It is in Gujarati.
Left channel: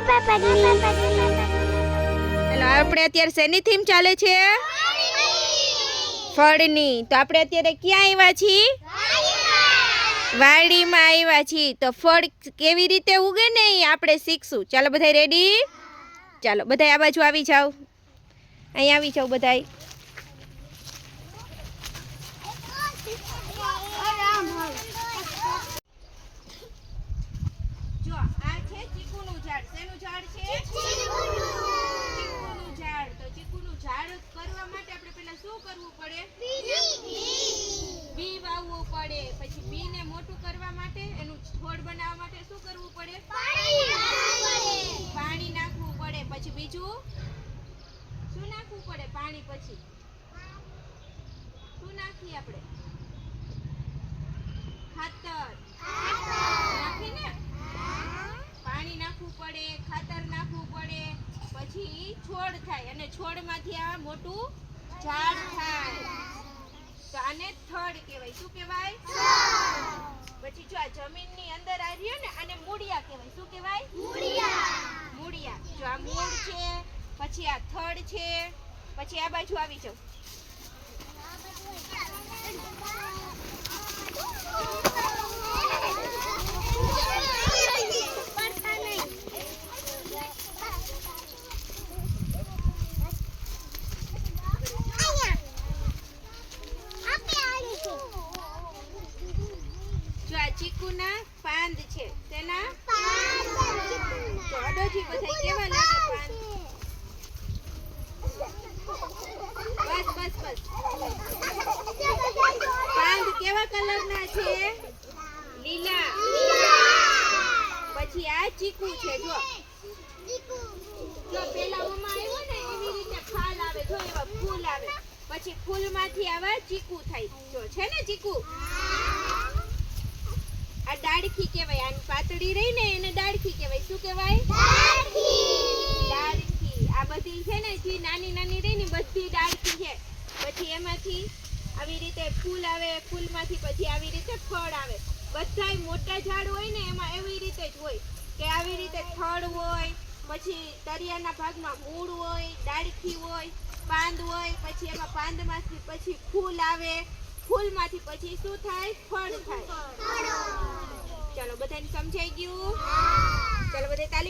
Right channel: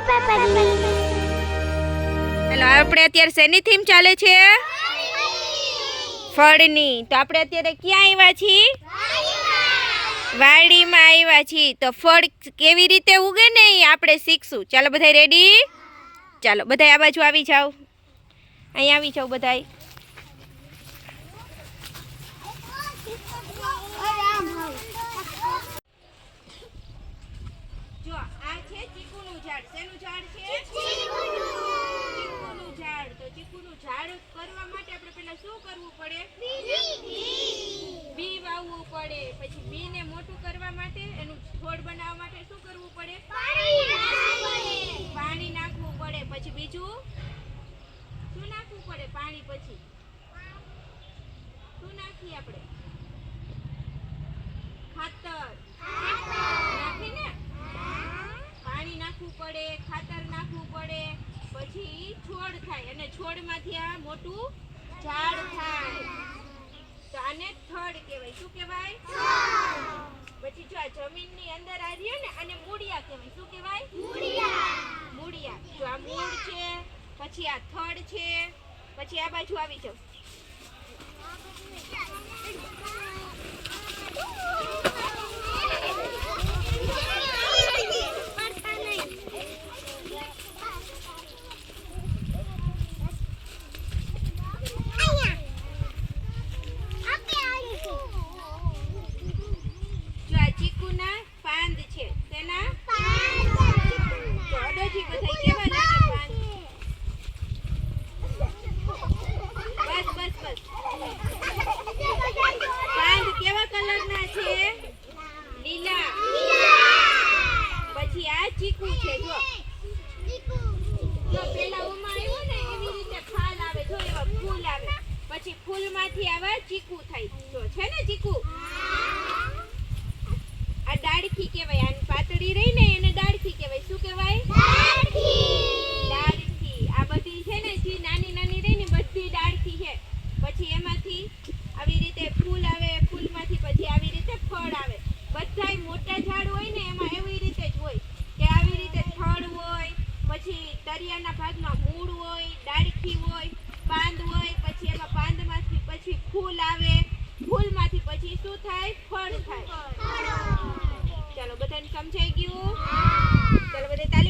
હેલો, આપણે અત્યારે શેની થીમ ચાલે છે? ફળની. તો આપણે અત્યારે ક્યાં આવ્યા છીએ? વાડીમાં આવ્યા છીએ. તો ફળ કેવી રીતે ઉગે ને એ આપણે શીખશું. ચાલો બધા રેડી? ચાલો બધા આ બાજુ આવી જાઓ. અહીંયા આવી જાઓ બધા. જો આ છે ચીકુનું ઝાડ. શેનું ઝાડ છે? ચીકુનું ઝાડ. તો ચીકુનું ઝાડ કરવા માટે આપણે પહેલા શું કરવું પડે? બી વાવવું પડે. પછી બી ને મોટું કરવા માટે, એનું છોડ બનાવવા માટે શું કરવું પડે? પાણી નાખવું પડે. પછી બીજું શું નાખવું પડે? પાણી પછી શું નાખીએ આપણે? ખાતર નાખીને પાણી નાખવું પડે, ખાતર નાખવું પડે. પછી છોડ થાય અને છોડમાંથી આ મોટું ઝાડ થાય. તો આને થડ કહેવાય. શું કહેવાય? પછી જો આ જમીનની અંદર આ રહ્યો ને, આને મૂળિયા કહેવાય. શું કહેવાય? મૂળિયા. જો આ મૂળ છે, પછી આ થડ છે, પછી આ બાજુ આવી જાવ. જો આ ચીકુના પાંદ છે. તેના તો અડોજી બધા કેવા લાગે પાંદ? બસ પાંદ કેવા કલરના છે? લીલા. પછી આ ચીકુ છે. જો પેલા ઓમાં આવ્યો ને એવી રીતે ફાલ આવે. જો એવા ફૂલ આવે. પછી ફૂલમાંથી આવા ચીકુ થાય. જો છે ને ચીકુ. આ ડાળખી કહેવાય. આની પાતળી રહી ને એને ડાળખી કહેવાય. શું કહેવાય? ડાળખી. આ બધી છે ને જે નાની નાની રહી ને બધી ડાળખી છે. પછી એમાંથી આવી રીતે ફૂલ આવે. ફૂલમાંથી પછી આવી રીતે ફળ આવે. બધાય મોટા ઝાડ હોય ને એમાં એવી રીતે જ હોય કે આવી રીતે થડ હોય, પછી તરિયાના ભાગમાં મૂળ હોય, ડાળખી હોય, પાંદ હોય. પછી એમાં પાંદમાંથી પછી ફૂલ આવે. ફૂલમાંથી પછી શું થાય? ફળ થાય. ચાલો બધાને સમજાઈ ગયું? ચાલો બધા તાલી